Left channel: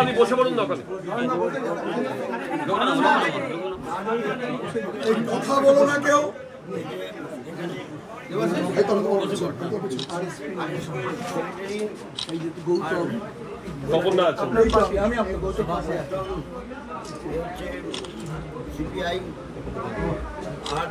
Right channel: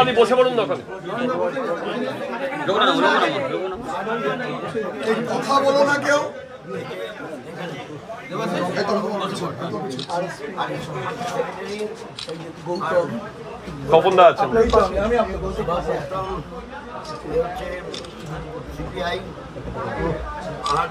আপনি বসে পড়ুন দরকার কথা বলো না কেউ। খবর না আছে সিপিআই আর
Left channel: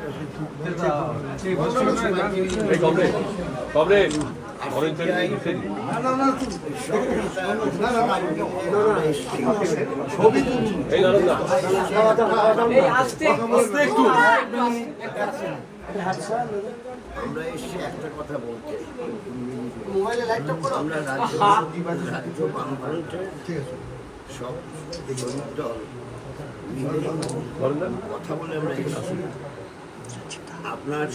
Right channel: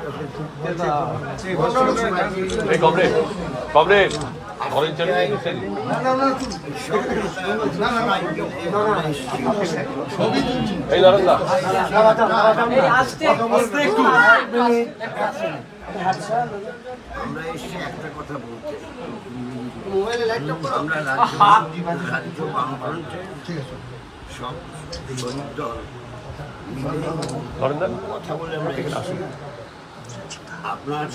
আমরা এসে একটা কথা বলতে আমরা রাজ্য বামফ্রন্টের সব শহীদ দল কথা বলে আমরা আপনার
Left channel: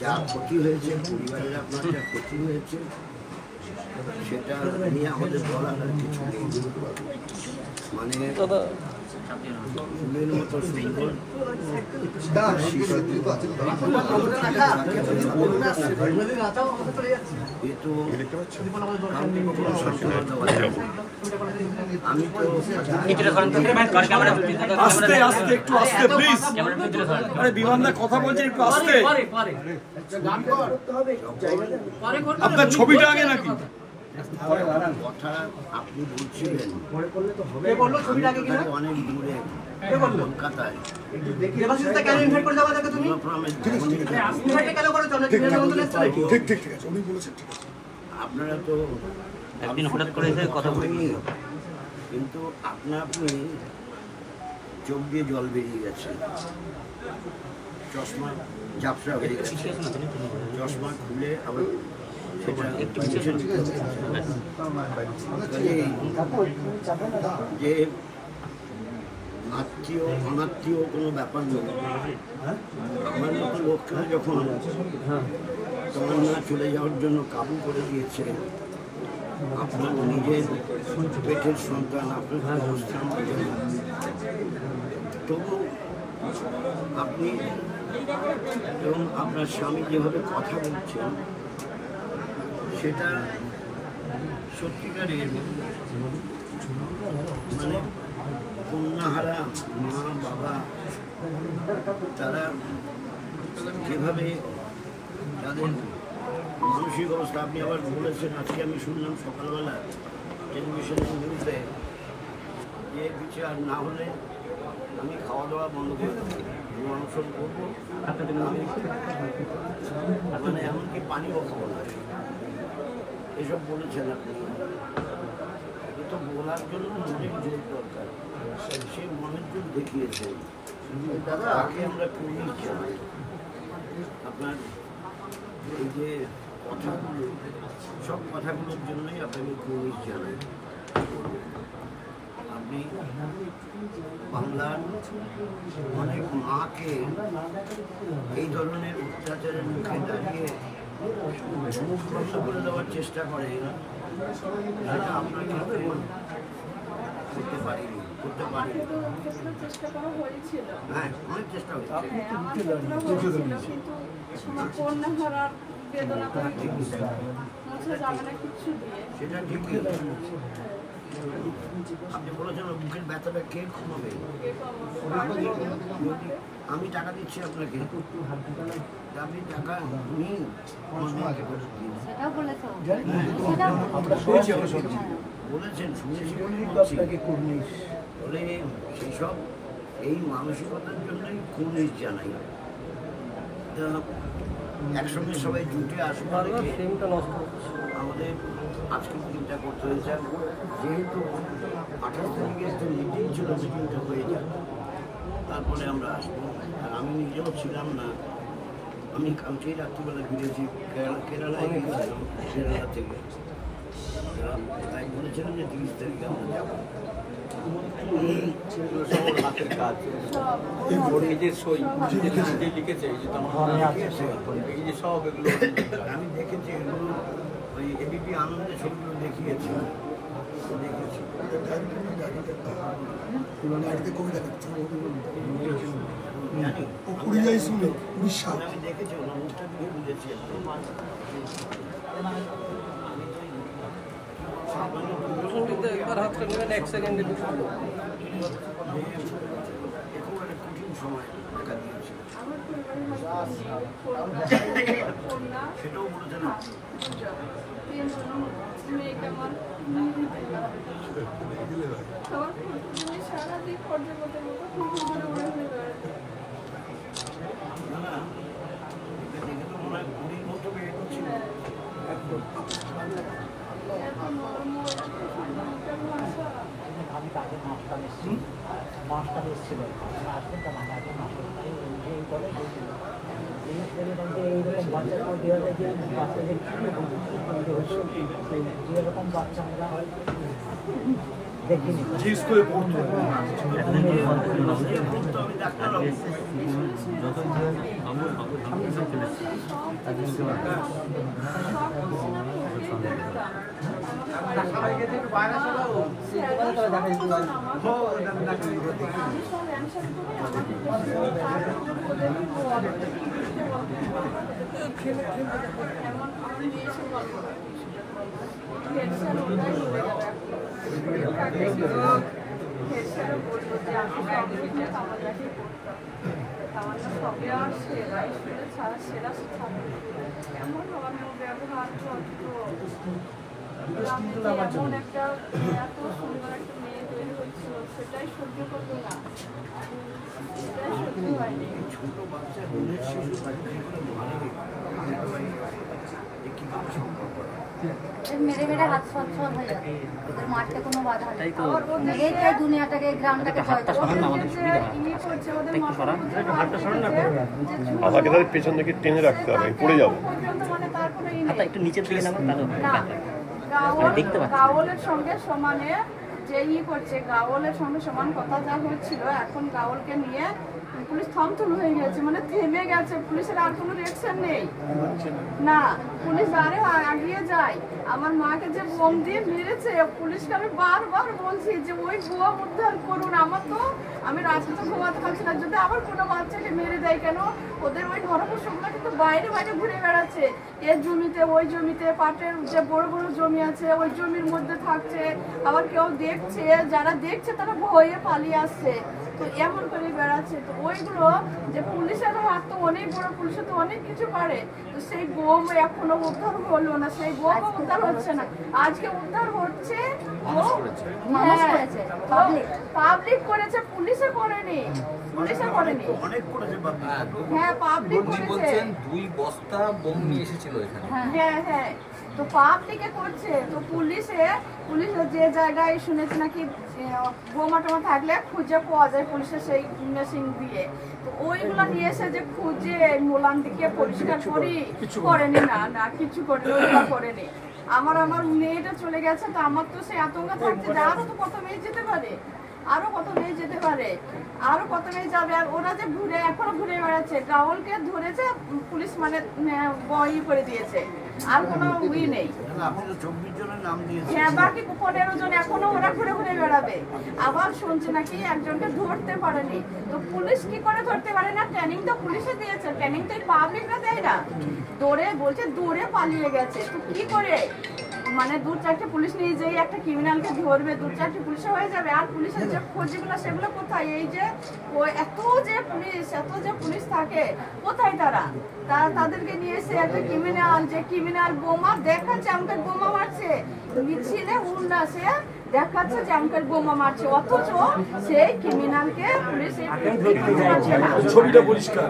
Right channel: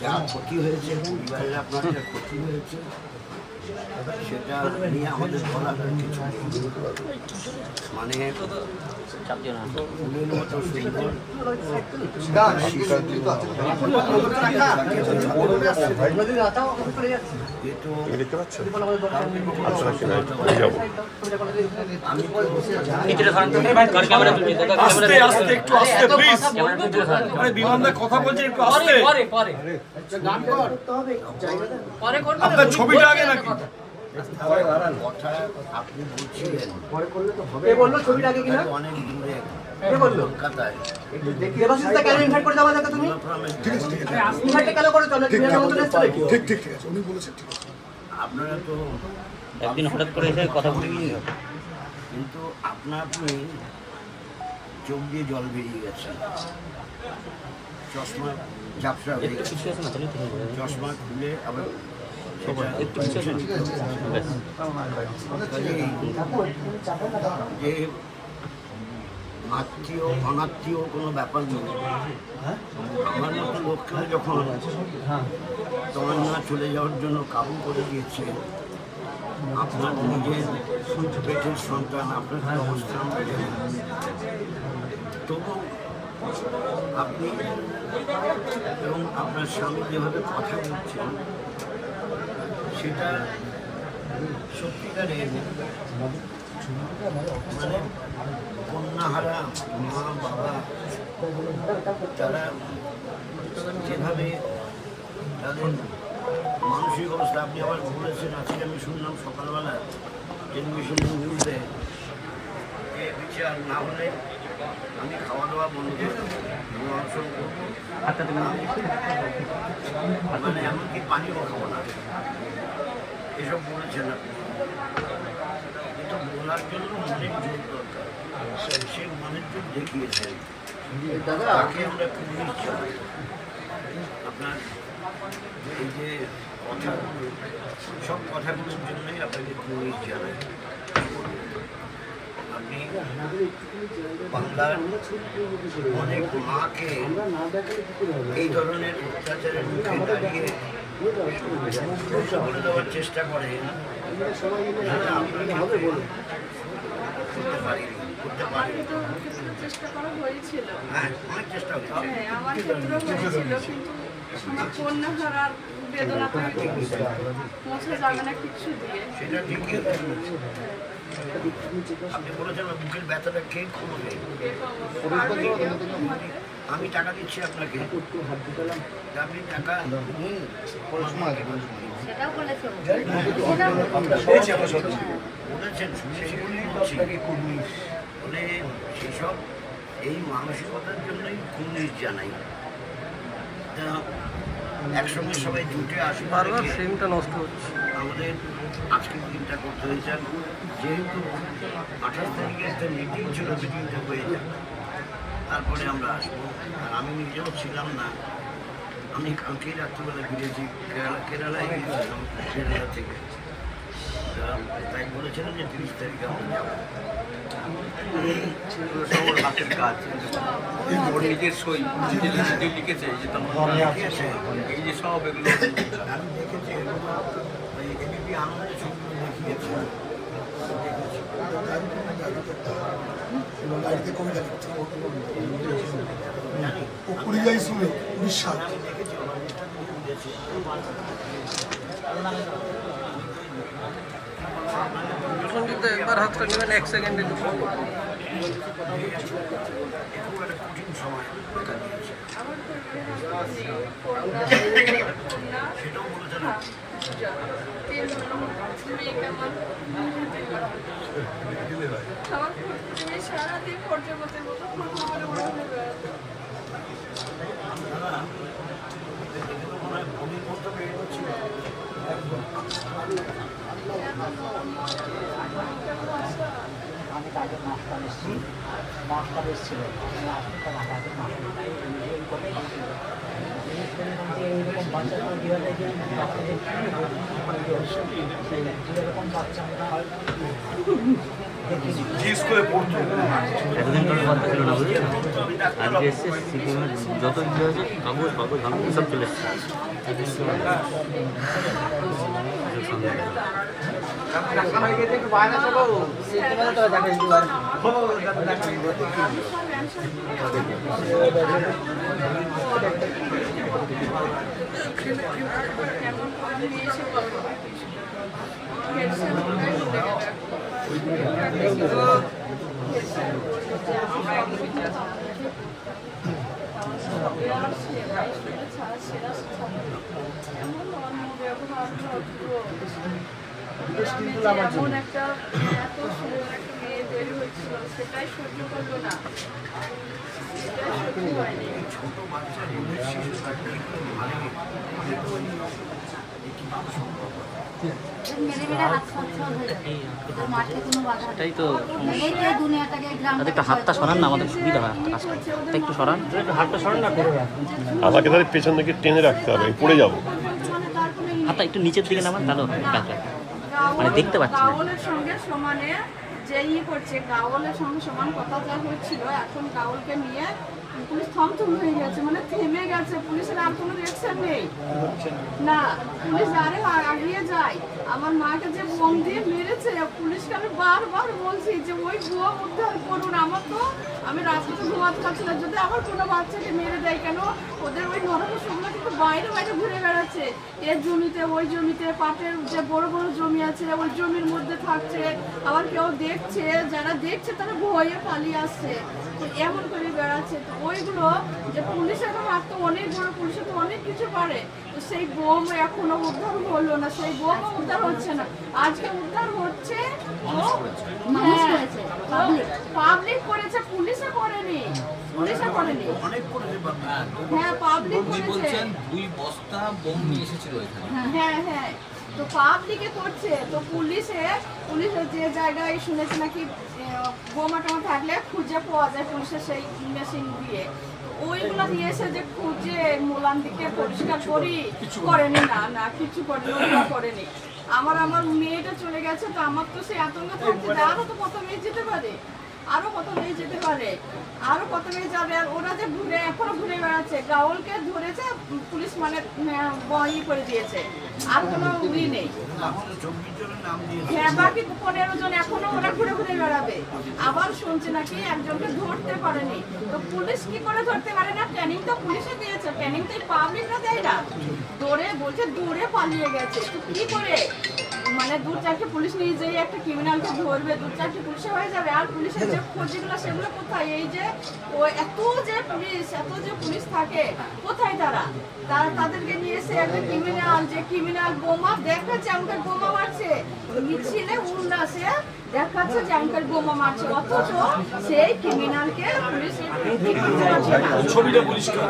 যা ক্ষতি হয়েছে পরিবারের আপনার যা ক্ষতি হয়েছে সেটা নিয়ে আমাদের বলার আর কিছু নেই। মানে ফুলের মতো সুন্দর আপনার ছবিটা আগে নাকি কথা আপনি বলছিলেন অনেক দূরে কলকাতায় আপনারা তো একদিন হঠাৎ করে এসে কথা বলিনি, কিন্তু আপনা আপনি চোখ দিয়ে জল বেরিয়ে গেছে, চশমা ঝাপসা হয়ে গেছে, চশমা খুলে আবার যে আত্মীয় অনাত্মীয় কোনো ব্যাপার নেই। আমার মতো লোককে যখন তোমার না চলে যাওয়ার জন্য কাবু করে দিয়েছে, আপনার নিজের পেটের সন্তান, আপনার অবস্থান তবু আপনি এবং আপনার স্বামী যেভাবে কথা বলছেন সেটা সত্যিকারের মানে কন্যাহারা মা বাবা তারা যেভাবে তাদের মানসিক অবস্থা, আপনি আবার বলেছেন, আজকে আমি শুনলাম সকালবেলা টেলিভিশনের নিউজে যে বিচার না হলে আমি খাওয়া দাওয়া বন্ধ করে অনশন করবো, মানে এমনকি পানিও খাবো না, এসব বলেছেন আপনি। কিন্তু বলার জন্য মনের জোর দরকার, সেই মনের জোর দেখিয়েছেন, তাকে আমরা পুলিশ জানাই। আপনার এই যে কথাগুলো, সব কথাগুলোর জন্যই আপনাকে পুলিশ জানাই। আপনি বাংলার অনেক মাকে এই ধরনের অত্যাচারের মুখে দাঁড়িয়ে করে দেওয়ার চেষ্টা করেন, সেটা আপনাকে করতে পারিনি, করতে পারিনি। হ্যাঁ, অনেক চেষ্টা হয়েছে। সেটা ঠিকই, আপনি বলেছেন বুকের ব্যথাটা কে কমাবে। আমি টাকা দিচ্ছি আপনাকে, আপনি টাকা নিন, বলেছেন শুনেছি বলে সেই সব এই মানসিকতার জন্যই কুর্নিশ জানাই। তা একসঙ্গে সবাই জুটে আসবে, আমাদের আজকের দিনটা করতে হয়েছে। যেহেতু 28 তারিখে একটা মিটিং ছিল, মিটিংটা হয়ে যাবে, তারপরে আমরা আসবো। আর আমি নিজেও ছিলাম না, আমি কালকেই রাত্রিবেলা ফিরেছি, কেরালায় গিয়েছিলাম, কেরালা থেকে। তাই বলেছিলাম যে 30 তারিখে আমরা যাবো। হাতের কাজ, নিজের সই লিখেছে, এই যে সব এগুলো আমি দেখেছি, এগুলো ওই এবিপি আনন্দের ছবিগুলো দেখিয়েছি। গাড়িতে কবিতা লিখছে ও পরিযায়ী শ্রমিক উড়িষ্যা। একবার হাতটা নেবেন 1 সেকেন্ডে সারাদিন পর্যটকের মতো ফুল করে উড়ানো বেড়াতো। আমি তাকে মাস্টার এসেছি, মাস্টার এসেছিল আসলে তো আমাকে মাস্টার তাই এই করে জিনিস এরকম যে এইরকম বাচ্চাগুলো দেওয়া যায় যে বাচ্চাদের কী হতো সেই যেরকম বাচ্চা আমরা দেখিনি যে স্কুলে পড়তো যত ইয়ে হয়েছে কাগজ মাগজ ধান সব চলে এসছে এমন অনেক এসে গল্প এমন একটা এত সুন্দর একটা মেয়ে তৈরি হয়েছিল সেটাই সহ্য করলো না, সেটাই সহ্য হয়নি। ছোট বাচ্চা শিশুরা মেরে মেরে হাত সচ্ছল হয়ে যায়, ওদের মাঠে কোনো বাধা নেই। এই যে দুনিয়াটাকে গ্রামটাকে হাতটা সরান না, আমাদের সুবিধা হয় একটু সরান, হাতটা সরান না, আমাকে তাহলে পেছন থেকে টেনে রাখতে হবে, পড়ে যাবো। হাতটা একটু নিচের দিকে নামান, তাহলে মানে দেখতে পাচ্ছি গাওলের সঙ্গে সমানে যে করছে, গাওলের সঙ্গে সমান কথা যা হচ্ছিল, এখন গাওলকে নিয়ে পুলিশ থমথম হয়ে গেছে, মানে থেমে গেছে, পুলিশের আর কোনো রিঅ্যাকশন নেই না, পুলিশ আরে আগিয়ে যায়। আমার মাকে যে বোম দিয়ে মেরেছে, পুলিশকে আমি বারবার বলছি যে ওই বোম উদ্ধার করুন, আমার তো আমি রাত্রে তো ঘুমাতে পারছি না, যদি আবার কোনো বাচ্চাকে মেরে দেয় কেন, ওদের ওই নরকসংখ্যা কিন্তু বাইরে বাইরে ঘুরে বেড়াচ্ছে, এর জমিতে ওই জমিতে, পাটের যে বড় বড় জমি আছে ওই জমির মধ্যে থাকছে, আবার কেউ দেখছে, যারা দেখছে তারা ভয়ে পালিয়ে আসছে, তো এমন করে বেড়াচ্ছে। তো ওইগুলো যে পুলিশের হাত তো অনেক বড়, পুলিশে তো অনেক কিছু পারে, তো সেই বোম এখনো উদ্ধার হলো না, সেই বোম উদ্ধার হচ্ছে না, আজকে উদ্ধার হচ্ছে পাবলিক করেছে, পুলিশে করেনি, পুলিশে করেনি, হ্যাঁ পাবলিক করেছে, 2 বস্তা বোম নিয়ে এসেছিল এখানে। হ্যাঁ হ্যাঁ, তো পাবলিকে করছে, তো পুলিশে যে জায়গায় শুনেছে নাকি বোমা টোমা থাকলে খুঁজে পাওয়া যায় পুলিশের সেই মেশিন দিয়ে, তো ওইগুলো নিয়ে এসে যে খুঁজে মোলান দিকে পরিষ্কার করেনি, না না কিছু করেনি। আমার মেয়েটা চলে গেছে, তো আমার তো সেই আতঙ্ক থাকছে যে আরো তো কত মেয়ে যেতে পারে, আরো কত মেয়ে যেতে পারে, আরো কত মেয়ে যাবে, আর ওরা যে এখনো ঘুরে বেড়াচ্ছে, গাওলকে ধরেছে পুলিশ, মানে ই করে দিয়েছে, আর কোনো উই নেই, হ্যাঁ বাকি 15 জন এখনো ওরা ঘুরে ঘুরে বেড়াবে। আবার শুনছে নাকি একজনকে ধরতে পারেনি, তো পুলিশ কি করে ধরতে পারে না, ট্রেনিং তো পুলিশে দিয়েছে, ট্রেনিং তো পাবলিকরা দেয় না, দৌড়ে পালিয়ে গেছে, তো কি করে মানে 2-4টি পুলিশ নিয়ে যেই একটা ক্রিমিনালকে ধরবে, 2-4টি পুলিশে হয়ে যাবে, আর পুলিশের যে খোঁজগুলো সেগুলো কোথায়, এই যে এত যে পুলিশ থাকে কোথায়, তাদেরকে নিয়ে এসে একটা ক্রিমিনাল বোমা দেখাচ্ছে, আমাকে বোমা মারছে, মিছিলে উল্লাসে দেখাচ্ছে যে আমাকে বোমা মারছে, অথচ সেই ক্রিমিনালকে পুলিশ ছবিটা পরিষ্কার,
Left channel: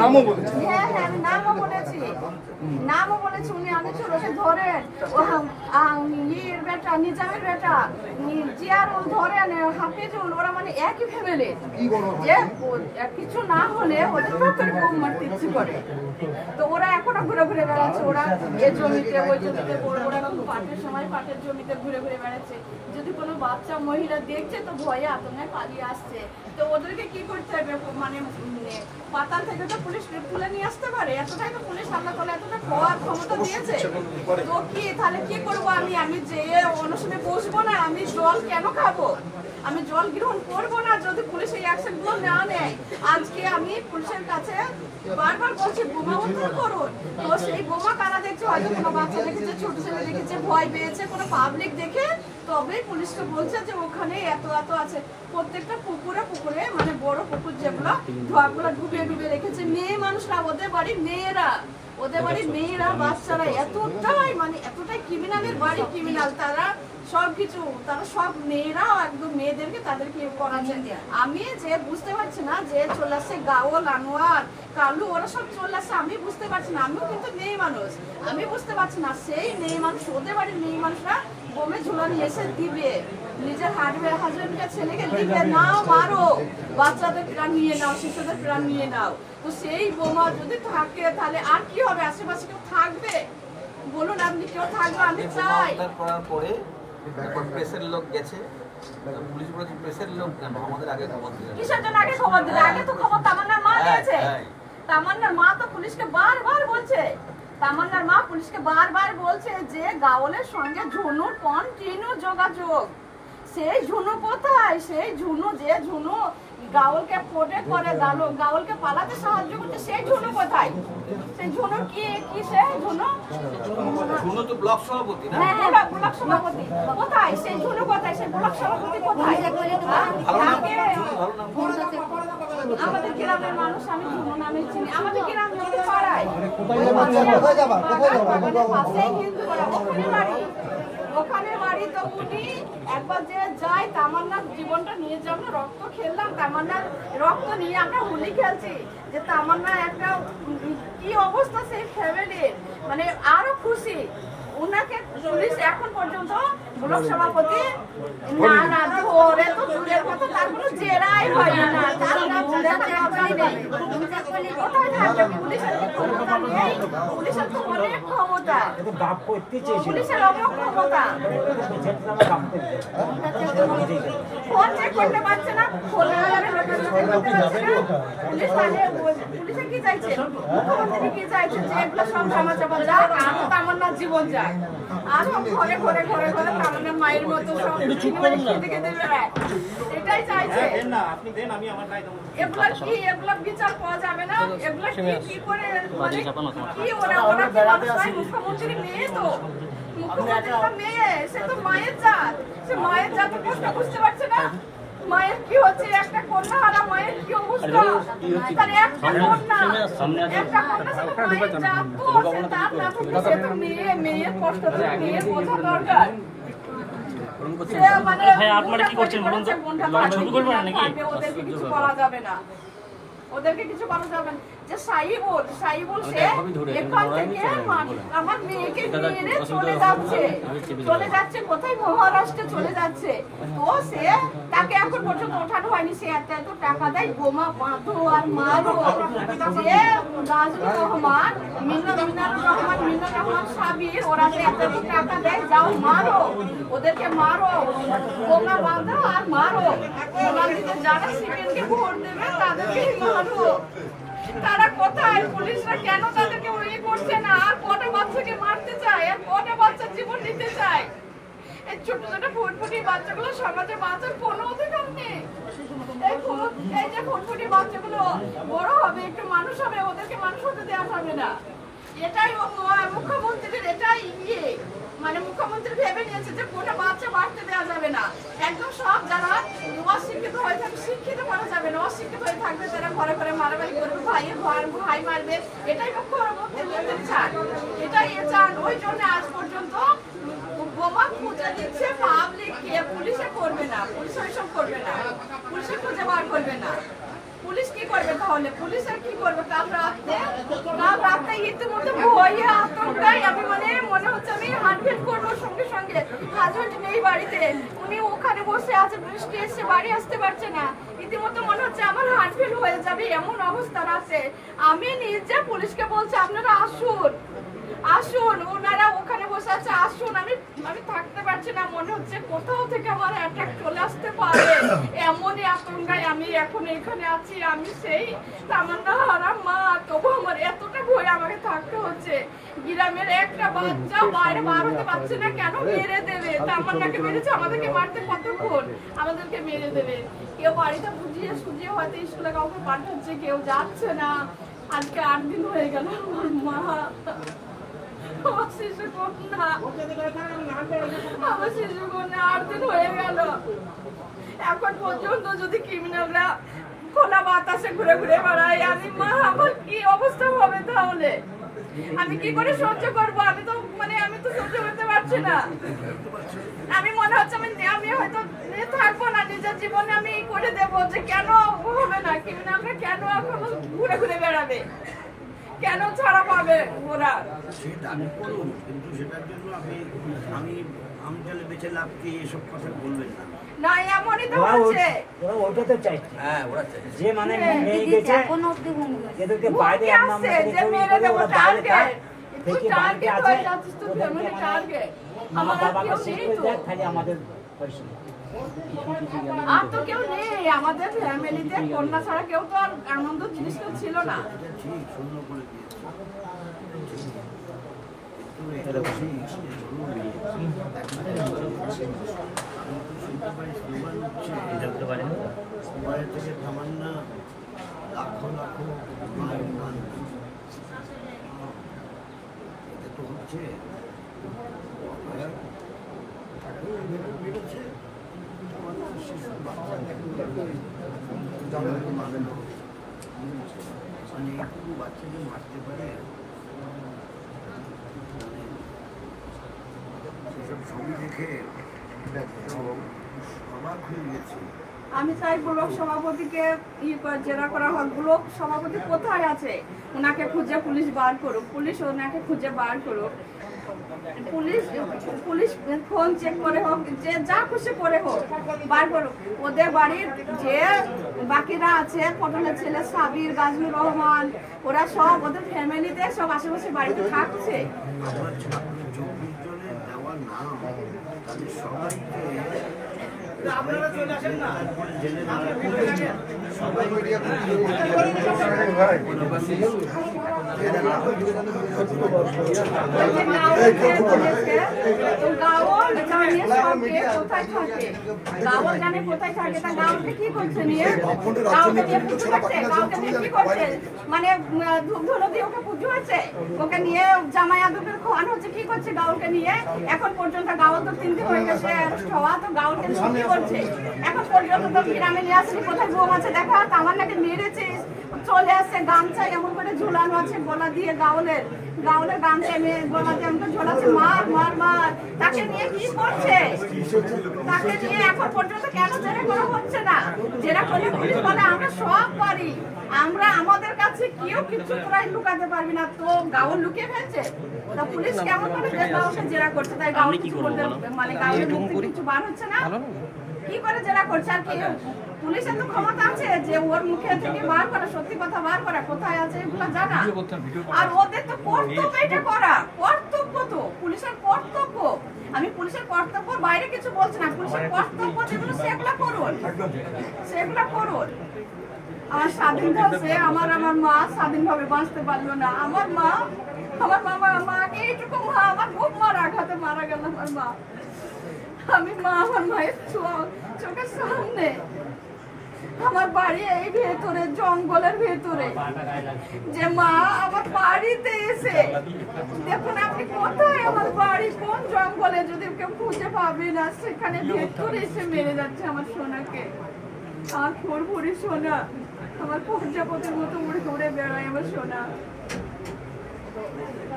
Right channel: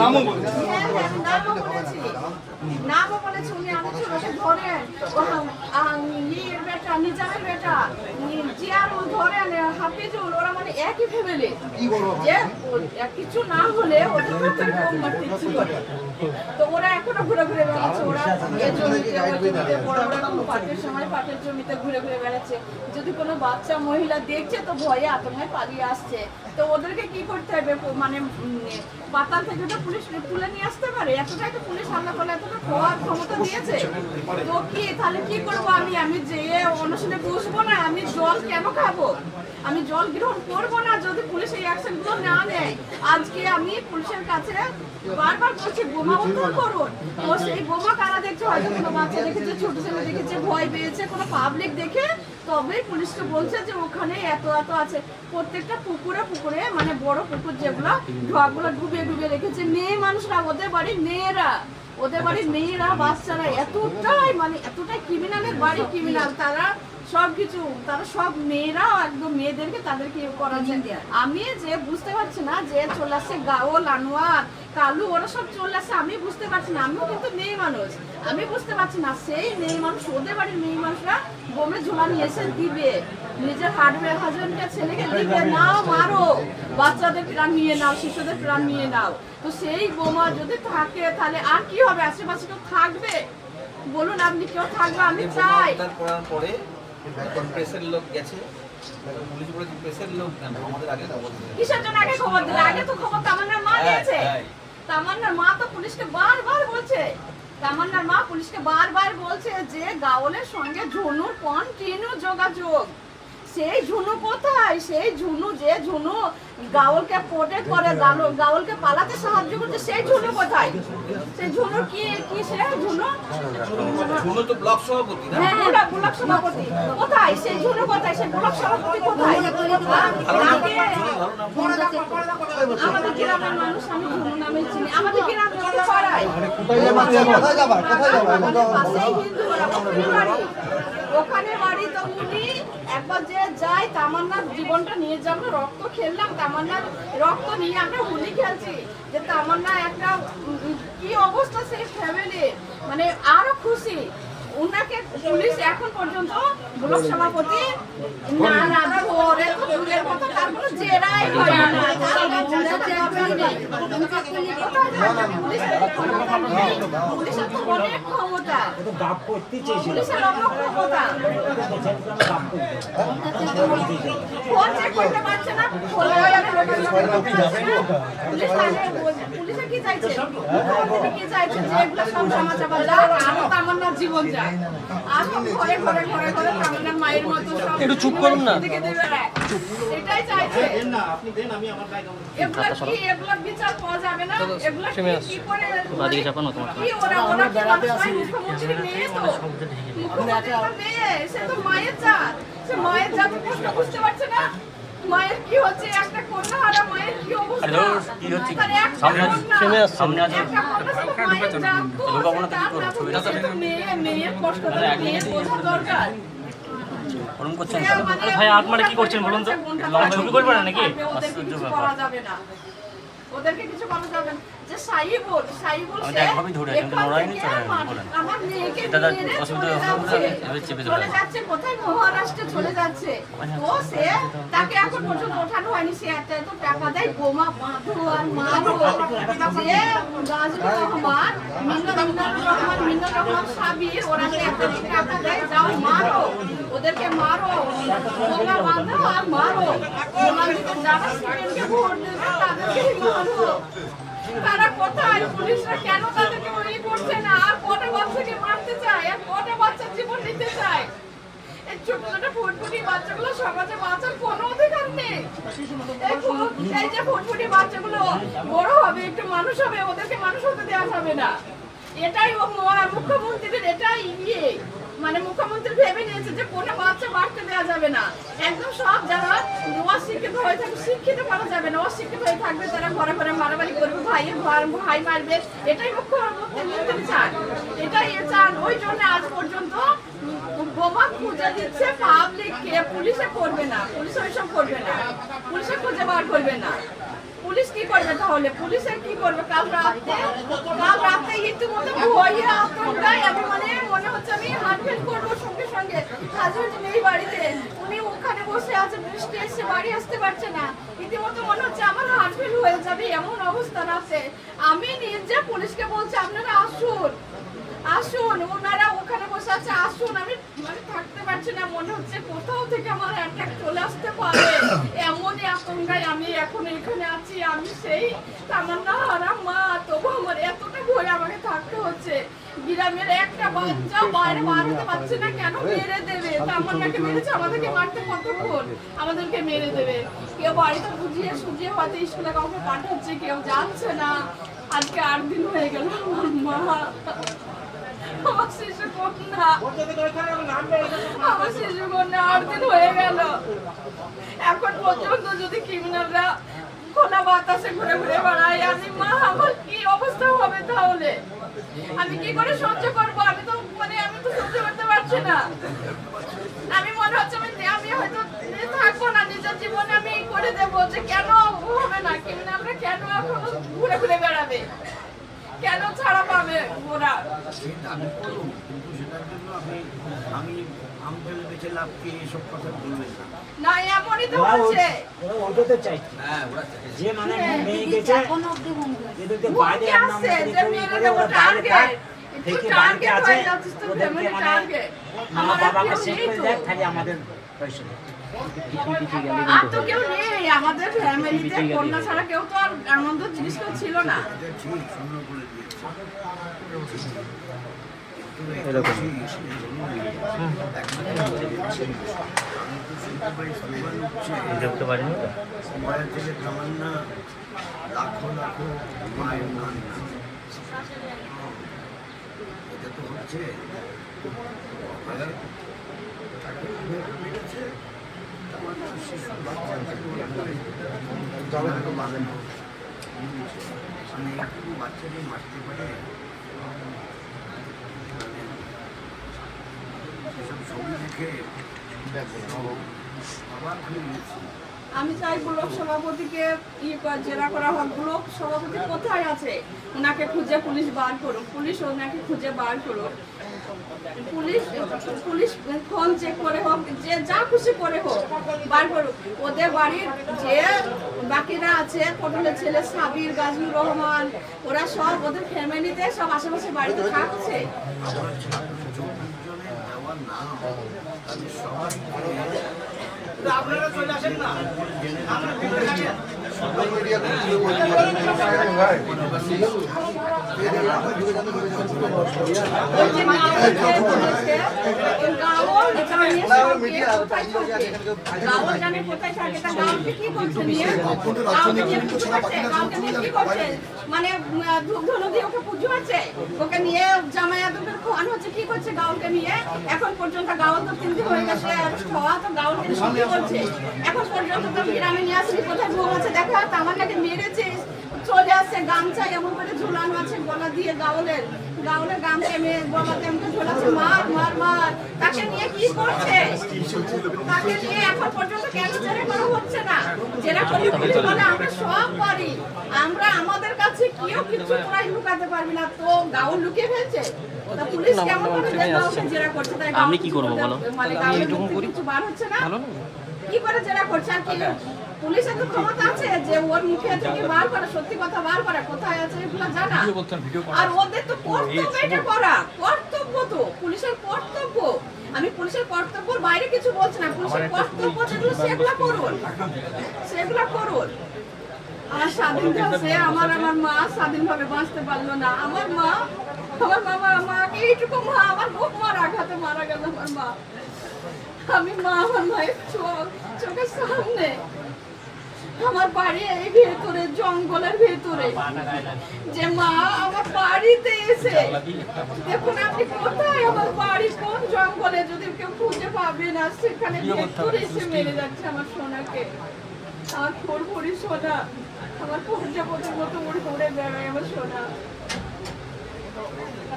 নামও বলেছে, নামও বলেছি, উনি অনেক ছোট ধরেন নিজামের বেটা জিয়ারুল ধরেন হাফিজুল ওরা মানে একই ফ্যামিলি যে কিছু না হলে ওদের প্রত্যেক বোম মারতে ইচ্ছে করে। তো ওরা এখনো ঘুরে ঘুরে বেড়াচ্ছে, ওরা এ জমিতে ওই জমিতে বড় ওরা খুব পাটের সময় পাটের জমিতে ঘুরে ঘুরে বেড়াচ্ছে। যদি কোনো বাচ্চা মহিলা দেখছে তো ভয়ে আতঙ্কে পালিয়ে আসছে। তো ওদেরকে কি করতে হবে, মানে পাতাল থেকে তো পুলিশ তুলে নিয়ে আসতে পারে, এতটাই তো পুলিশ আল্লাহ তাআলা এতটা পাওয়ার ক্ষমতা দিয়েছে। তো কি তাহলে কি করবো আমি যে অনশনে বসবো না, আমি জল কেন খাবো, আমি জল গ্রহণ করবো না যদি পুলিশ এই অ্যাকশন গুলো না নেয়। আজকে আমি পুলিশের কাছে বারবার বলছি বোমা বন্ধ করুন। তো সেই বোমা কারা দেখছে, হয়তো কোনো বাচ্চা দেখেছে, ছোট ছেলে দেখেছে, ভয় পেয়েছে, কোনো পাবলিক দেখে তবেই পুলিশকে বলছে যে ওখানে এত এত আছে। প্রত্যেকটা পুকুরে পুকুরে মানে বড় পুকুর যেগুলো ঢোয়াগুলো ডুবিয়ে ডুবিয়ে রেখেছে। মেয়ে মানুষরা, ওদের বাড়ির মেয়েরা, ওদের বাড়ির মেয়েরা বাচ্চারা এতটাই মানে এতটাই ক্রিমিনালের বাড়ি ক্রিমিনাল, তারা সবকিছু, তারা সব মেয়েরাও একদম মেয়েদেরকে তাদেরকে করা যায়। আমি যে বুঝতে পারছি না যে চলে আসছে গাওল, আনোয়ার, কালু, ওরা সব চলে আসছে, আমি বুঝতে পারছি না। আমিও কিন্তু মেয়ে মানুষ, আমি বুঝতে পারছি না। সেই মেয়ে মানুষ, ওদের বাড়ির মেয়ে মানুষরা বোমে ঝোলা নিয়ে এসে দিবে, নিজের হাজবেন্ডকে ছেলেকে দিবে, নাও মারো, বাচ্চাদের প্রাণ নিয়ে নাও, শিশুদের প্রাণ নিয়ে নাও। তো সেই বোমা যদি থাকে তাহলে আর কি হবে, আশেপাশে কেউ থাকবে বলুন, আপনি কেউ থাকবে? আমি চাই পরে প্রেসের লোক গেছে, পুলিশ বলেছে প্রেসের লোক আমাদের আগে খবর দিল। কিসের জন্য আগে খবর দিলে? আগে তো খবর তামান্নার মা দিয়েছে। তামান্নার মা তো পুলিশকে বারবার বলছে, তামান্নার মা পুলিশকে বারবার বলছে যে গাওলের সঙ্গে ঝুনুর কন্টিনিউ যোগাযোগ। সেই ঝুনু কোথায়? সেই ঝুনু, যে ঝুনু গাওলকে প্রোটেক্ট করে, গাওলকে পালাতে সাহায্য করছে, সেই ঝুনু কোথায়? সেই ঝুনুর কি সে ঝুনু তো ব্লক সভাপতি না? হ্যাঁ, ব্লক সভাপতি কোথায়? সেই ঝুনু কোথায়? সেই ব্লক সভাপতি কোথায়? আমাদের গ্রামের মানুষ, আমি ঝুনু নামে চিনি, আমাদের গ্রামের পাড়ায় পাশেই হিন্দু ওখানে বাড়ি। তো উনি একবার যে যায়, তামান্নার জীবনটা নিয়ে যে আমরা রক্ত খেললাম, তামান্নার রক্ত নিয়ে আমরা হোলি খেলছি, যে তামান্না একটা কি অবস্থা সেই ফ্যামিলি, মানে আরো খুশি। উনাকে পুলিশ এখন পর্যন্ত ব্লক সভাপতি না ধরে তো দূরের কথা, তার কোনো জেরাই হয় না, পুলিশের ক্ষমতা নেই, পুলিশের তো অনেক ক্ষমতা, পুলিশের অনেক ক্ষমতা। ফোন চেক করতে পারছে না, পুলিশে কি চাইছে, মুখ্যমন্ত্রী কি চাইছে যে এগুলো সব ধামাচাপা যাক, আরো তামান্নার জীবন যায়, আরো ঘরে ঘরে ঘরে ঘরে তামান্নার মায়ের মতো সব একটু চুপ করুন না, এটাই চাইছে। এগুলো কি, এগুলো বিচার পাওয়া যাবে না? এগুলো কি করে কি ওরা কি মুখ্যমন্ত্রী মেয়ে, তো মুখ্যমন্ত্রীর মেয়ে, সে তো মায়ের জাত, সে মায়ের জাত বুঝতে পারছে না মায়ের কি হচ্ছে, একটা কন্যা হারা মায়ের কি অবস্থা, তার একটা কন্যা, একটা কন্যা মেয়ের কষ্ট, মেয়ের বোঝা দরকার। ভাই আপনারা কি করছেন বলুন তো, লড়াই করবেন না নাকি? ওদেরকে কিছু বলা যাবে না। যে সাইবুল আমার মেয়েকে চলে যাচ্ছে কোথায়, মহারাষ্ট্রে চলে যাচ্ছে। তো সে তাকে এখন পর্যন্ত ওঠানো হয়নি, সে এত এত টাকা দেয়, বোমা বাঁধো আর মারো। যে রাজুর রহমান, মিন্নুর রহমান সাবির, ওরা এত এত টাকা দেয়, যাও মারো, ওদেরকে মারো, বোমা বাঁধো আর মারো। বোমা দিতে যারা সিপিএমকে ভোট দেবে তাদেরকেই মারো। তারা কোথায়? পুলিশরা কেন তাদেরকে ওই করছে না? আর কটা বাচ্চাকে মারতে চায়, আর কটা বাচ্চার জীবন নিতে চায়? এই ছোট ছোট ফুটফুটি বাচ্চাগুলো সমাজে বাঁচার কোনো অধিকার নেই। এই যে ফুটফুটি বাচ্চাগুলো বড় হবে, একটু মানুষ হবে, ওদেরকে মানুষ হতে দেওয়া যাবে না। এটাই মুখ্যমন্ত্রীর, এটাই মানে মুখ্যমন্ত্রী ভেবে নিয়েছে যে কোনো বাচ্চা মারতে দেওয়া যাবে না। একদম সব যারা অশিক্ষিত হয়ে থাকবে, শিক্ষিত করা যাবে না, অশিক্ষিত হয়ে থাকবে তারা ঘরে ঘরে মারামারি করবে, ভাই মারবে, এটাই মুখ্যমন্ত্রী চান, এটাই চান। ওই জন্য আজ পর্যন্ত বোমা খুঁজে দিচ্ছে পাবলিককে, পুলিশে করবে না, পুলিশ ওইসব করবে না, পুলিশে খুঁজে বার করবে না। পুলিশ কি করবে তাহলে? পুলিশের কি করবে? কাল রাতে ইতিমধ্যে ভয়ে আতঙ্কায় আমি মনে হচ্ছে আমি হার্টবিট করবো সঙ্গে সঙ্গে। হাজবেন্ড নেই বাড়িতে, উনি ওখানে বসে আছে, পুলিশ এসে বাড়ি আসতে পারছে না। ইতিমধ্যে মনে হচ্ছে আমার হার্টবিট হয়ে যাবে এমন অবস্থা আছে। আমি নিজে পুলিশকে বলছি আপনারা আসুন আসুন, ওনারা ওখানে বসে আছে, আসুন। আমি থাকতে পারছি না, মনে হচ্ছে কোথাও থেকে আমার অ্যাটাক চলে আসতে পারে এমনই আতঙ্কায় আমি এখন এখানে আছি। আমি সেই তামান্না হারা মা, তবু আমার এতটা ভয় আমাকে থাকতে হচ্ছে। গ্রামের একটা বাচ্চা বাইরে বার হতে পারছে না, কেন মেরে দেবে? তামান্নাকে মেরেছে, আমাদেরকে মারতে কতক্ষণ? আমাদেরকে মেরে দেবে। কেউ বাড়িতে বুঝিয়ে সুঝিয়ে হয়তো স্কুলে কাউকে পাঠাচ্ছে, কেউ যাচ্ছে না। আজকে 8 দিন হয়ে গেল আমার মা, আমার শিশু কন্যা 8 দিন হয়ে গেল। এখন পর্যন্ত যদি ক্রিমিনালরা খোলা বাতাসে ঘুরে ঘুরে বেড়ায়, আমি মা, আমার কি অবস্থা হবে তাহলে? আমি কি করে সহ্য করবো? আমি তো সহ্য করতে পারছি না। আমি মনে হচ্ছে আমি হয়তো থাকবো না, নিজের জীবনে আমি করে দেবো যে কেন হবে না, ক্রিমিনালরা কেন এখন ঘুরে ঘুরে বেড়াবে, কেন ছাড়া পাবে ওরা? কিন্তু সেটার জন্য আমি তাহলে বেঁচে লাভ কি এসব কথা বলবেন না। না, এমনই তো হচ্ছে। ওরা ওটা তো চাইছে। হ্যাঁ, ওরা চাইছে। যে মেয়ে গেছে এদেরকে বাইরে আমরা ওরা বাইরে থেকে বাড়িতে আছে, ওদেরকে মা বাবাকে শেষ করে দেয়, খালি আমাদের পয়সা। আর তো কেউ নেই আমাদের ফ্যামিলিতে, কন্যা ছাড়া কেউ তো আর আনন্দ জিনিস ছিল না। ঠিক সুন্দর করে দিয়েছে। মায়ের থেকে তামান্না লাখো লাখো মায়ের নাম, এটা তো হচ্ছে শিশু একটু বাচ্চাকে মারতে পারে, সেসব ছবি দেখে অবাক হয়ে গেছি। আমি চাই ব্লক সভাপতিকে জেরা করা হোক। ব্লক সভাপতি কোথায় আছে? ওনাকে খুঁজে পুলিশ বার করুক, পুলিশ ওনাকে খুঁজে বার করুক, পুলিশ ফোন চেক করে হোক, যে যা খুশি করে হোক বার করুক। ওদের বাড়ির যে বাকিরা আছে, পটলের ছেলে সাবির, গাজনুর রহমান, ওরা সব ওদের ফ্যামিলিতে সব আশেপাশে বাড়িতে থাকছে। আপনারা চলে আসেন না। মানে ওকে পুজো আছে, ওকে নিয়ে জামাইয়া দুপুর খাওয়ানো হচ্ছে, কি করছে গাউলকে নিয়ে? এখন পর্যন্ত গাউল তো 3 দিন হয়ে গেছে খাওয়া, তো গাউলকে কি করছে? এখন পর্যন্ত তো গ্রামে নিয়ে আসেনি, কোথায় বউ আছে দেখা, তামান্নাকে মেরেছে, চলে আসছে, গামছা এমন করে ঝুলানো আছে গলা দিয়ে, গাউলের গামছা গলা দিয়ে এমন ঝোলাচ্ছে, মার মার মার। তাকে নিয়ে কি করছে? তাকে নিয়ে এখন পর্যন্ত কেন জেরা করা হচ্ছে না? জেরা করলে পুলিশ বলে আমরা সব পারি, আমরা আমাদের কাছে কেউ কিছু তোরাই লুকাতে পারবি না। তো গাউল লুকিয়ে ফেলছে, তো পুলিশ কেমন করে জেরা করছে? তাই আমি কি করবো বলো? মানে গাউলের মুখ থেকে কিছু বার হচ্ছে না, কি করে জেরা করছে? আর কি পুলিশের তো ক্ষমতা আছে যে ওর মুখে থেকে বার করা, সত্যি কথা বার করা, কোথায় আছে এগুলো জানা। আর ওদের তো কর্তব্য এটা করা, কর্তব্য তো পুলিশের কর্তব্য। আমি পুলিশের কর্তব্যের বাইরে কিছু বলছি না, পুলিশের কর্তব্য যেগুলো সেগুলো করুন, সেগুলো করুন। আমার স্বাধীন আছে, আমার মা স্বাধীনভাবে বাঁচতে পারলো না। আমার মা, আমার বাবা আমাকে এইটুকু মা, আমার বুক মারা আঘাতে মারা গেল আমার মা। আমি মা, আমার মায়ের চোখের সামনে, আমার বাড়ি এই ভেতরে, জঙ্গলের ভেতরে, যে মা আমার বাড়িতে এসে দেখুন আপনি কোথায়, আমার বাড়ি কোন জঙ্গলে, যদি কেউ খুঁজে পাবে না, সেখানে ভেতরে এসে মেরে যাচ্ছে আমার সোনাকে। আর ফুরফুরি সোনা, আমার পর্যাপতের মতো উড়ে উড়ে বেড়ায় আমার সোনা।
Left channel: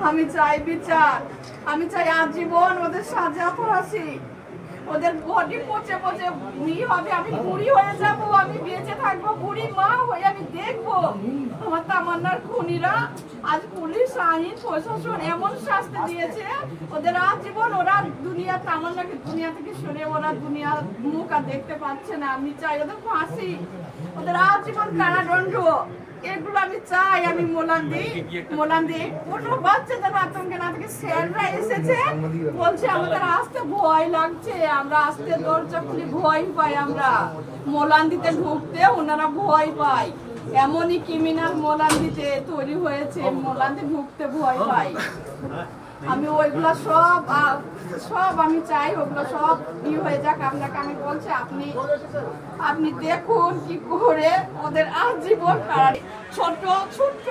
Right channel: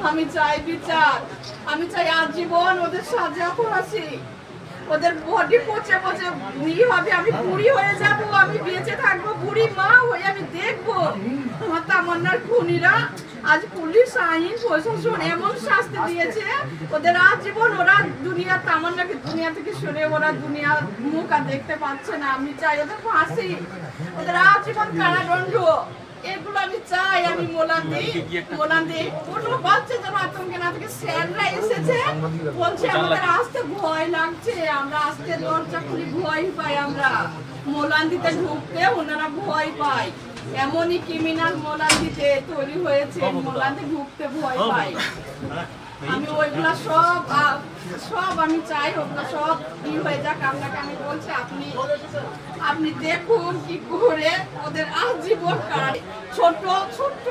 আমি চাই বিচার, আমি চাই আজীবন ওদের সাজা ফাঁসি, ওদের বডি পচে পচে বুড়ি হবে, আমি বুড়ি হয়ে যাবো, আমি বেঁচে থাকবো বুড়ি মা হয়ে, আমি তামান্নার খুনিরা আজ পুলিশ আইন প্রশাসন এমন শাস্তি দিয়েছে ওদের আজীবন ওরা তামান্নাকে দুনিয়া থেকে সরে ওরা দুনিয়ার মুখ আর দেখতে পাচ্ছে না। আমি চাই ওদের ফাঁসি, ওদের আজীবন কারাদণ্ড, এগুলো আমি চাই। আমি মোলান দিই কোনো বাচ্চা যেন আতঙ্কে না থেকে। স্যাররা এসেছে বলছে আমাদের আসতে ভয় লাগছে, আমরা আসতে দরজা খুলি ভয় পাই, আমরা মোলান দিতে ঢুকতে ওনারা ভয় পায়। এমনই ক্রিমিনাল মোলান দিতে তৈরি হয়েছে, মোলান্দি ঢুকতে ভয় পায়। আমি ওইগুলা সব আমি চাই ওগুলো সব হয়ে যাক। আপনাকে আমি বলছি আপনি দেখুন কি করে ওদের আজীবন কারাগারে। ছোট্ট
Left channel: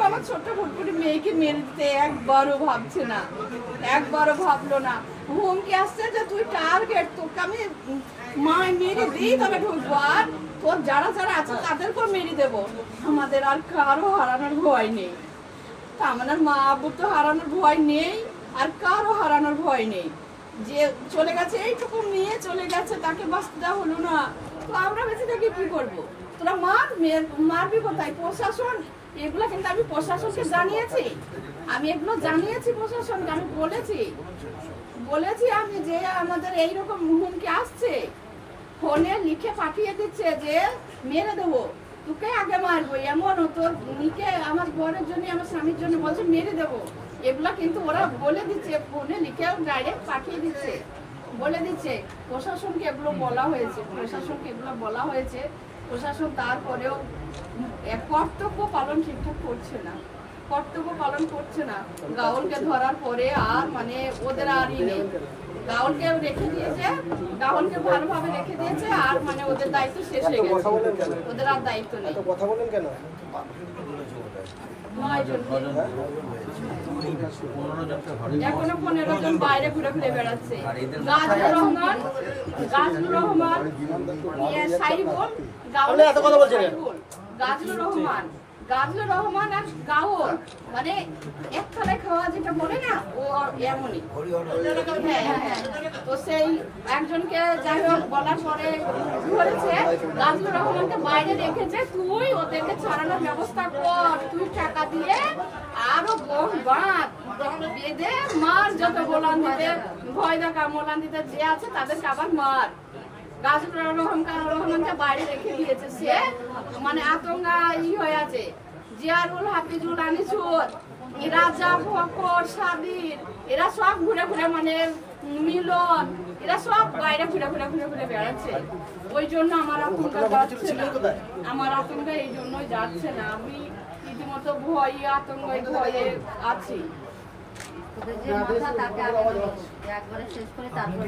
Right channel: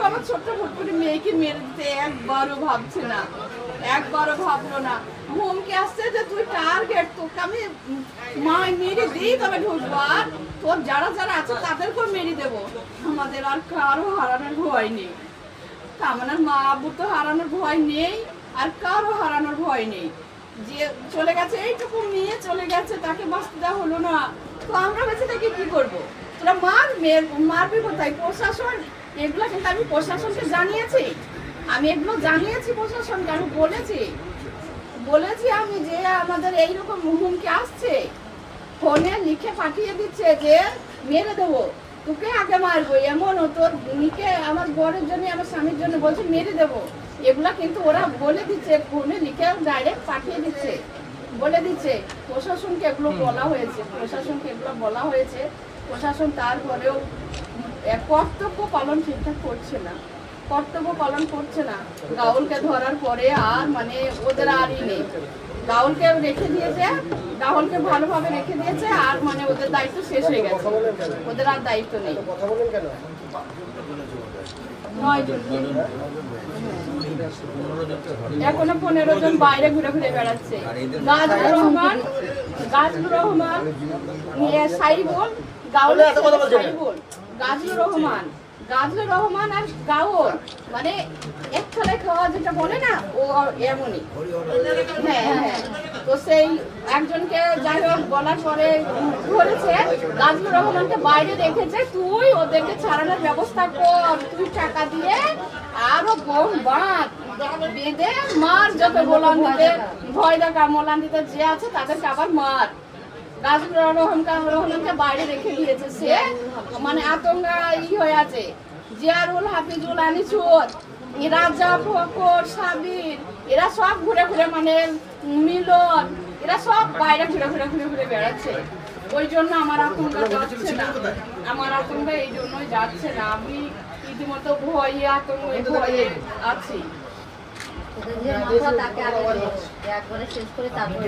আমার ছোট্ট ফুটফুটি মেয়েকে মেরে দিতে একবারও ভাবছে না, একবারও ভাবলো না। হুমকি আসছে যে তুই টার্গেট, তোকে আমি মেরে দিই তবে ঢুকবো, আর তোর যারা যারা আছে তাদেরকেও মেরে দেবো। আমাদের আর কারো হারানোর ভয় নেই। তামান্নার মা আব্বু তো হারানোর ভয় নেই, আর কারো হারানোর ভয় নেই। যে চলে গেছে, এইটুকু নিয়ে চলে গেছে, তাকে বাঁচতে দেওয়া হলো না, তো আমরা বেঁচে থেকে কি করবো? তোরা মারবি কোথায়? প্রশাসন এগুলো কিন্তু আমি প্রশাসনকে জানিয়েছি, আমি এগুলো জানিয়েছি প্রশাসনকে। আমি বলেছি আমি যে আমাদের এইরকম হুমকি আসছে, ফোনে লিখে পাঠিয়ে দিচ্ছে যে মেরে দেবো, তোকে আগে মারবো, এমন তোর নিকে আমার বরের জন্য আমার স্বামীর জন্য বলছে মেরে দেবো। এগুলা কিন্তু ওরা বলে দিচ্ছে, ফোনে লিখে ডাইরেক্ট পাঠিয়ে দিচ্ছে, বলে দিচ্ছে। প্রশাসনকে এগুলো বলা হয়েছে, প্রশাসন তারপরেও কর্তব্য পালন ঠিকঠাক করছে না। গাউলকে ধরার পরে আর মানে ওদের আরই নেই। গাউলকে রেখে দিয়েছে, গাউলকে ভালোভাবে রেখে দিয়েছে, আর মানে ওদের দায়িত্ব শেষ হয়ে গেছে, ওদের আর দায়িত্ব নেই। 9 জন, এখনো 15 জন বাইরে ঘুরে বেড়াচ্ছে। গাজলুর রহমান সাইবুল, গাজলুর রহমান আর গাউল মানে এক থালায় খাওয়া যেটা বলে না, ও এমনই। হ্যাঁ, তো সেই একজনকে যাই হোক বলার পরে ধরেছে, গাজলুর রহমানকে বাইরে রেখেছে, তুই ওদেরকে ছাড়ানোর ব্যবস্থা কর, তুই টাকা দিয়ে আরো বেঁধে মার, যত ভয় দেখা মোলান দিতে যে আছে তাদেরকে আবার মার। গাজলুর রহমানকে বাইরে রেখে দিয়েছে, সে মানে আতঙ্কা হয়ে আছে। জিয়ারুল, হাফিজুল, আনিসুর, রাজা, ফকর, সাবির, এরা সব ঘুরে মানে মিলন, এরা সব বাইরে ঘুরে বেড়াচ্ছে। ওই জন্য আমার আতঙ্কা যাচ্ছে না, এই জন্যই যাচ্ছে না। আমি রীতিমতো ভয়ে আছি। একবারে শেষ করে তারপরে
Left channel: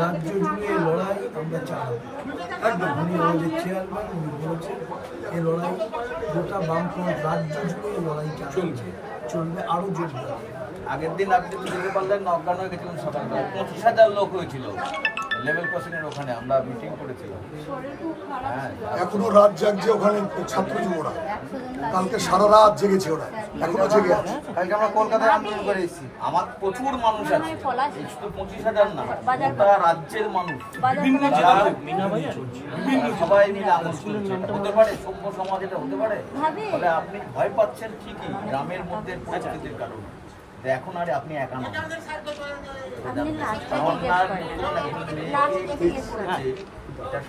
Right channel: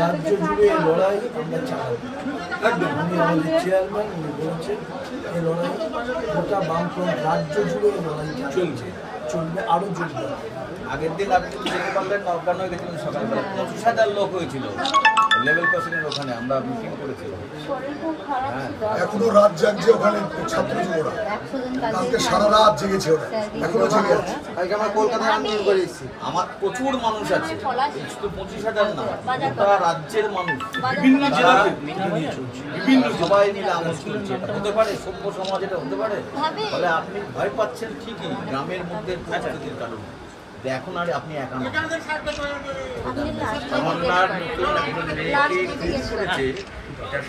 রাজ্য জুড়ে এই লড়াই আমরা চালাই। উনি আমাদের চেয়ারম্যান, উনি বলেছেন এই লড়াই গোটা বামফ্রন্ট রাজ্য জুড়ে এই লড়াই চলবে, আরো জোরদার। আগের দিন আপনি দেখতে পাচ্ছেন নওগাঁ হয়ে গেছিলেন সকালবেলা, 25,000 লোক হয়েছিল লেভেল ক্রসিংয়ের ওখানে, আমরা মিটিং করেছিলাম। এখনো রাত জাগছে ওখানে ছাত্র যুবরা, কালকে সারা রাত জেগেছে ওরা, এখনো জেগে আছে। কালকে আমরা কলকাতায় আন্দোলন করে এসেছি, আমার প্রচুর মানুষ আছে, শুধু 25,000 না, গোটা রাজ্যের মানুষ, বিভিন্ন জেলা বিভিন্ন সবাই মিলে আন্দোলন চলছে। হতে পারে সভ্য সমাজ, এটা হতে পারে? তবে আপনি ভয় পাচ্ছেন ঠিকই গ্রামের মধ্যে পরিস্থিতির কারণে, এখন আর আপনি একা না।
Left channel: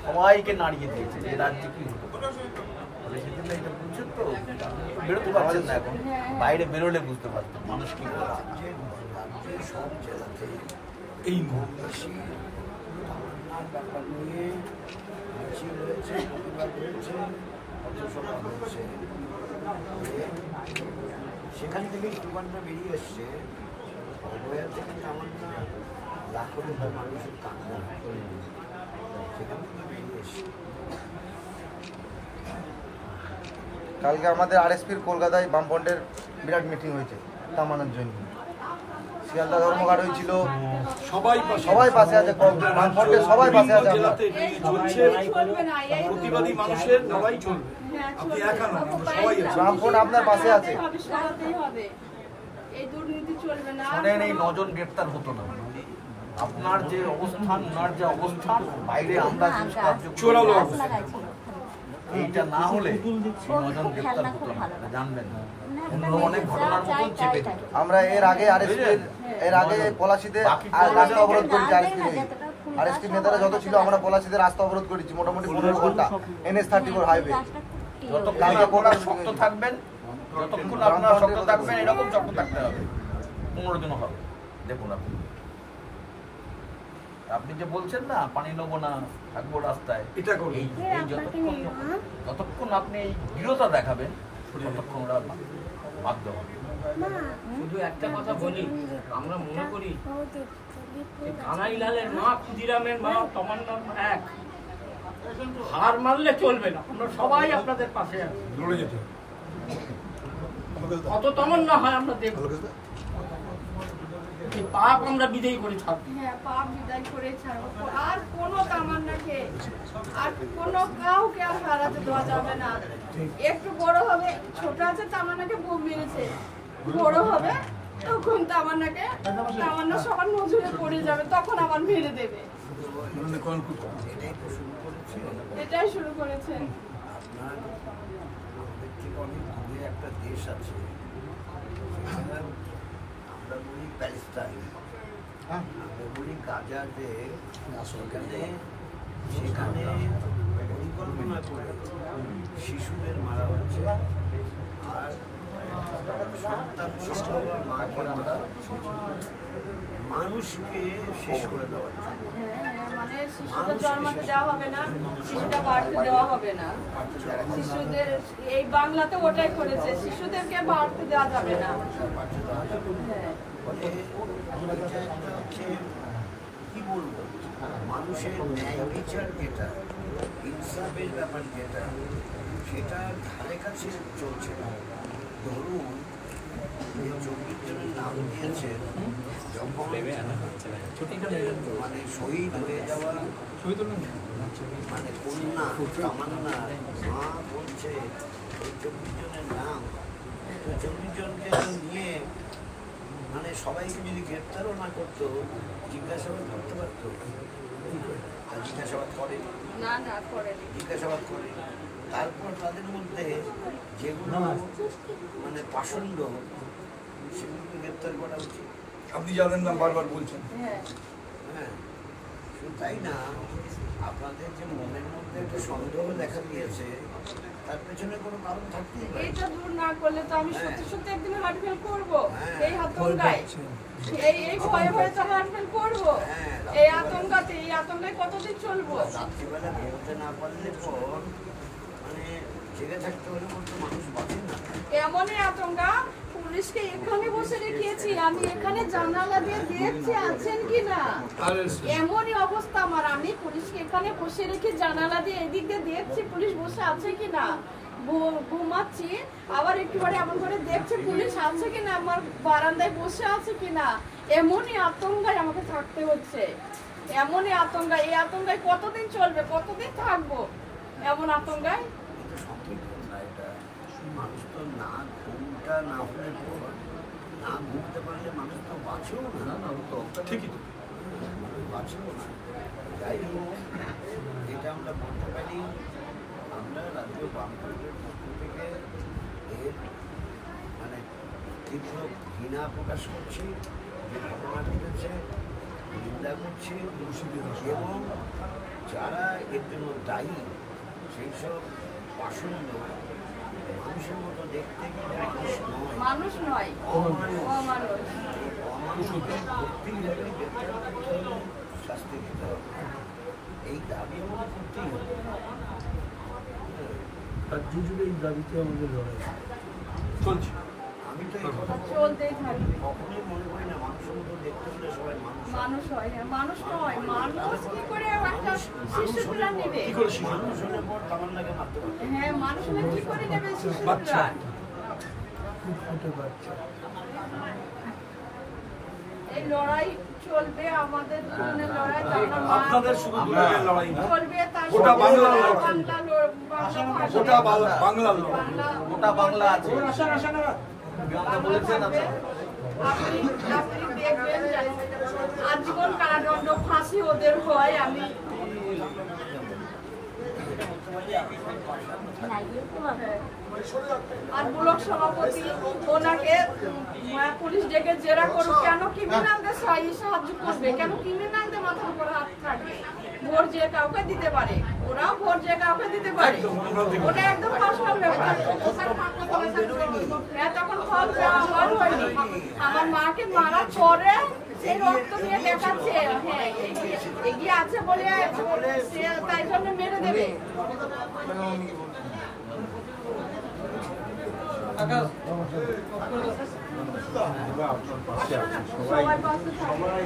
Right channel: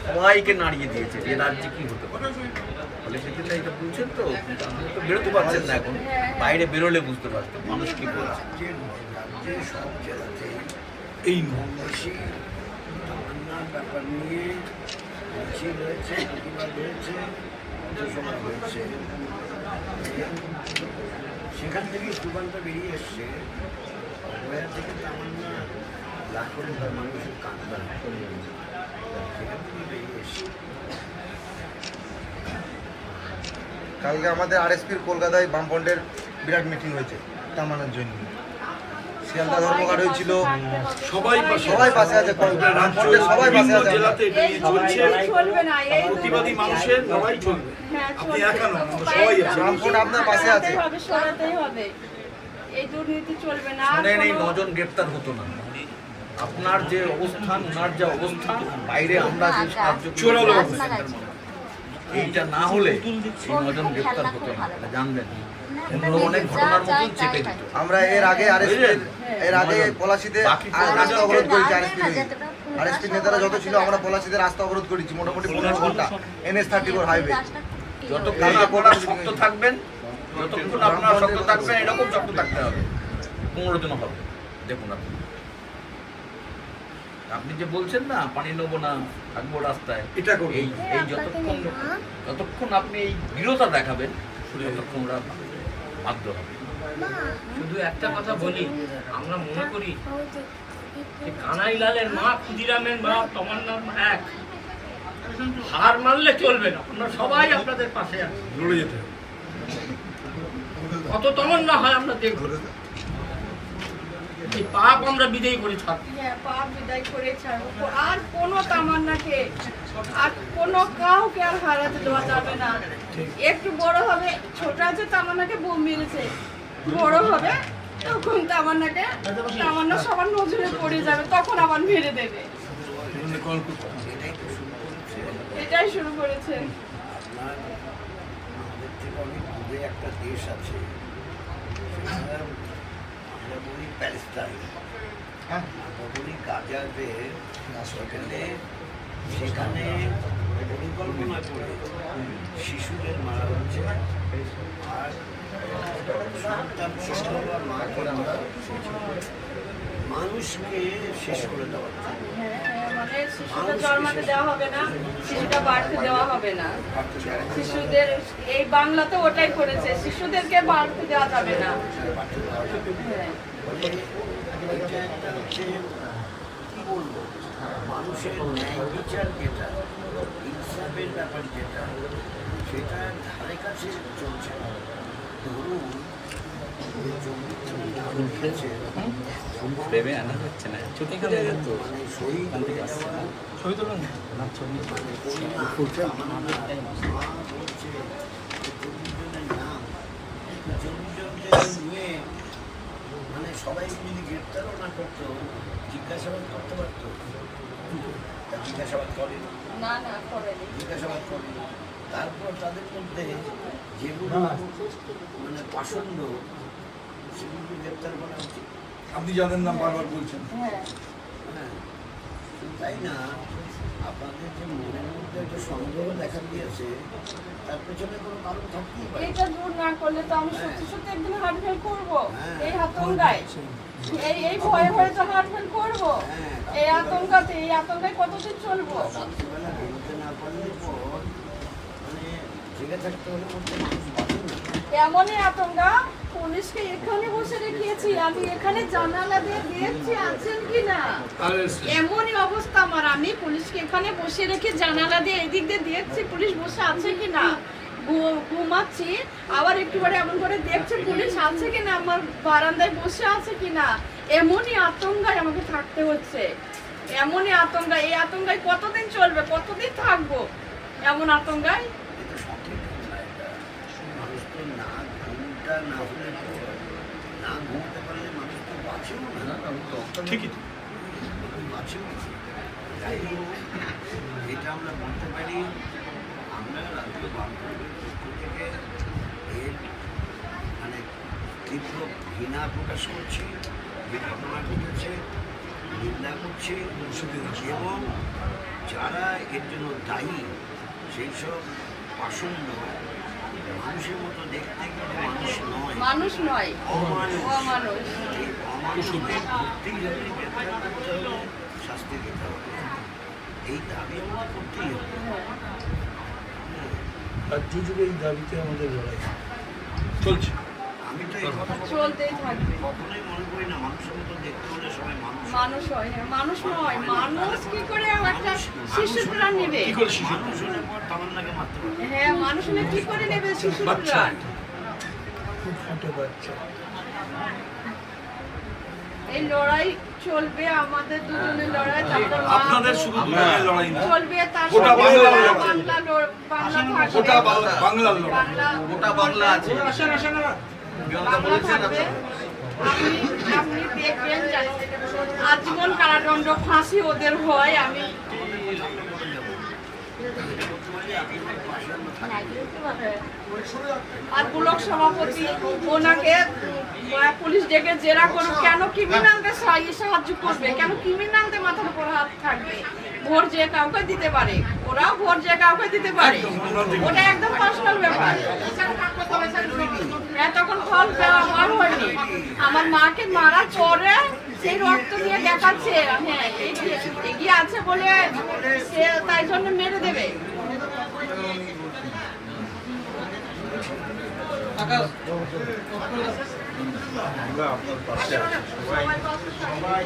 সবাইকে নাড়িয়ে দিয়েছে, যে রাজ্যে কি হতে পারে। সেদিনটা এটা বুঝছেন তো, বেরোতে পারছেন না এখন, বাইরে বেরোলে বুঝতে পারছেন মানুষ কি করছে। সব জেলাতে এই ব্যাপার নিয়ে মিছিল হয়েছে, প্রতিবাদ হয়েছে, পথসভা হয়েছে। সেখান থেকেই সুগন্ধ বেরিয়ে এসছে, অভয়া থেকে তামান্না লাখো মানুষের কান্না, সেখান থেকে বেরিয়ে এসছে। কালকে আমাদের আরএসপির কলকাতায় বামফ্রন্টের বিরাট মিটিং হয়েছে তামান্নার জন্য। শিয়ালদা ধর্মঘট হয়েছিল, সবাই সবাই পাশে আছে, রাজ্যের সবাই বিভিন্ন পাশে আছে। জেলাতে এটা নিয়ে চলছে। চলবে না, এই প্রতিবাদী মানুষের লড়াই চলবে। হ্যাঁ, আপনি চলবে। একা নন, আমরা তো সবাই আছি। রামকোট আপনার পাশে আছে। সরাতেই হবে, এই দুর্নীতি চলবে না। শোনেন, এই 9 জন গ্রেপ্তার হতো না। আপনার যে অবস্থান, ওনার যে অবস্থান, বাইরে আমরা যে সাহায্য চোরালো গাছ লাগাইছিল। এইটা না হলে এই 9 জন গ্রেপ্তার হতো না, জানবেন। এগুলো অনেক ঘটনার মতন চেপে দিত। আমরা এর আগে পলাশীতে বাকি রাস্তা অবরোধ করেছি, আসবে না, যতটা ফুল গাছ আরএসপি নেতারা যত ছিল আমরা পলাশীতে রাস্তা অবরোধ করেছি মোটামুটি 15 ঘন্টা, NH-34 হাইওয়ে। গাছটা খুব যতক্ষণ আপনারা শক্ত থাকবেন, যতক্ষণ আপনারা শক্ত থাকবেন, এরকম শক্ত থাকতে হবে। 15 জন হবে, দেখুন আপনি। আপনি যে বলছেন না পানি নেবো না, থাকবো রাস্তায়, এটা করুন। এই যতক্ষণ আপনি এই দৃঢ়তা দেখাবেন, ততক্ষণ ওরা বাধ্য হবে। শুধু একটা কথা বলি, আমরা মনে করি যে কানাইলালের মা, ক্ষুদিরামের মা, তমান্নার মা এক। হার মানলে চলবে না, আমরা সবাই আপনাদের পাশে আছি, লড়ে যেতে হবে। কত তমান্না হয় আমরা দেখব। এই পাপ আমরা বিদায় করে থাকি। হ্যাঁ, পাপ বিদায় করে ছাড়বো। আর কোনো তামান্নাকে, আর কোনো কাউকে আর হারাতে দেওয়া যাবে না। একটু বড় হবে, ছোট আছে তামান্নাকে বোম মেরেছে, বড় হবে তখন তামান্না সবার নজরে পড়ে যাবে, তখন আবার মেরে দেবে। এটাই শুরু করেছে। আপনার আমাদের থেকে অনেক দূরে একটা দেশ আছে, সেটা আমরা বলি প্যালেস্টাইন, আমরা বলি গাজাতে। সেখানে পরিকল্পনা করে শিশুদের মারা হচ্ছে, আর সন্তান সন্তবা মাকে মারা হচ্ছে, মানুষকে শেষ করে দেওয়া হচ্ছে। মানে শিশুদের জন্মাতে দেওয়া হবে না, শিশুটা বাড়তে দেওয়া হবে না। শিশুদের এই বাংলাতে ওটাই করেছে, শিশুদেরকে বাড়তে দেওয়া যাবে না। কি বলবো, মানুষের ন্যায় বিচার যেটা, ইনসাফের ব্যাপার যেটা, সেটা ধারে কাছে চলছে না। ধরুন নাম দিয়েছে মানে শহীদ হয়ে যাওয়া, মানে কন্যা তামান্না মা বলছে এই 40 জনের নাম, 40 জনকে নিয়ে মানে সবাইকে যদি গ্রেপ্তারও না করতো, জিজ্ঞাসাবাদ করতে পারতো। তা জিজ্ঞাসাবাদ করে না, না করেনি। জিজ্ঞাসাবাদ করে, তারপর তাদের মধ্যে যেগুলো মানে পাষণ্ড, সেগুলোকে গ্রেপ্তার করা উচিত। আপনি যাদের নাম বারবার বলছেন, হ্যাঁ, হ্যাঁ, শুধু তাই না, আপনাদের যে মনের মধ্যে একটা সন্দেহ দেখা দিয়েছে, তার পেছনে কোনো কারণ থাকতেই পারে। এটা দূর না করলে তো আমি সত্যি সত্যি একদিন হার্ট ফেল করবো। এই আতঙ্কায়, এই ভয়ে ভয়ে তো হার্ট ফেল করবো। এই আতঙ্কায় কতদিন চলবো? রাত্রিবেলা বেরোতে না পারলে তো মানে জেগে থাকতে হলে তো মানুষ বাঁচে না। এমনই আতঙ্কা, পুলিশকে এখানে বসে রেখেছি, আমি এখানে জানালা দিয়ে দেখছি আছেন কিনা। এমনই অবস্থা আমার, আমি পুলিশকে এখানে বসে রেখে জানালা দিয়ে এদিক দিয়ে দেখছি পুলিশ বসে আছে কিনা। ঘুমাচ্ছি, আবার একটু পরে এমন করে দেখছে পুলিশ আছে কিনা, আমার বারান্দায় বসে আছে কিনা। এমনই আতঙ্কায় আমাকে থাকতে হচ্ছে, এমনই আতঙ্কা। এই আতঙ্কায় কতদিন চলবে, কতদিন থাকবো এমন আতঙ্কায়? মানুষ তো না ঘুমটা না হলে না ঘুমতে পারলে মানুষ তো বাঁচেও না। ঠিকই তো। মানুষ বাঁচেও না। যাই হোক, এটা আমরা বলতে পারি, আমরা রাজ্য বামফ্রন্টের পক্ষ থেকে এর মানে তীব্র ঘৃণা প্রকাশ করছি, যে ঘটনা ঘটেছে নিন্দা করছি, এবং যারা এর জন্য দায়ী সেই সব পাষণ্ড মানুষের মতো দেখতে কিন্তু মানুষ নয়, অমানুষ। এই অমানুষদের ধরতেই হবে, গ্রেপ্তার করতে হবে, শাস্তি দিতে হবে, এই দাবি আমাদের করতেই হবে। রাজ্য জুড়ে এই দাবিতে আমাদের লড়াই চলছে। আমি তো এই কথা চলতেই থাকবে। কখনোই মনে করি না মানুষের মতো দেখতে হলে সবাই মানুষ হয়। হ্যাঁ, মানুষ নয়, মানুষ কি করে একটা শিশু প্রাণ নেবে? মানুষ হলে পর তামান্নাকে মারতে পারবে। হ্যাঁ, মানুষ হলে কি করে নেবে শিশু প্রাণ? ফুটফুটে বাচ্চা। এই লড়াই চলবে, আমাদের দুজনের লড়াই, আপনাদের শুধু দুজনের লড়াই না, চলবে, তার গোটা বাংলার লড়াই, গোটা বাংলার লড়াই, গোটা বাংলা আছে। আপনি দেখবেন আজীবন কারাদণ্ড ফাঁসি ওদের হয়। আমি আর ব্লক সভাপতি ওনাকে পুলিশ ডেকে জেরা করুক, কেন ক্রিমিনালদের সাহায্য করবে, কেন ক্রিমিনালদের মাথার উপর হাত থাকবে? ভোট যে কাউকে দিতে পারে, ওরাও ভোট যে কাউকে দিতে পারে, ওটা একদম পার্সোনাল ব্যাপার। তখন ফল দেওয়া হয়নি, আমার মাকে মারার পরে সেই রক্ত নিয়ে দেখাচ্ছে হ্যাঁ এগিয়ে আছে বলে সে তাই জন্য মেরে দেবে। আপনার পাশে আছে সবাই।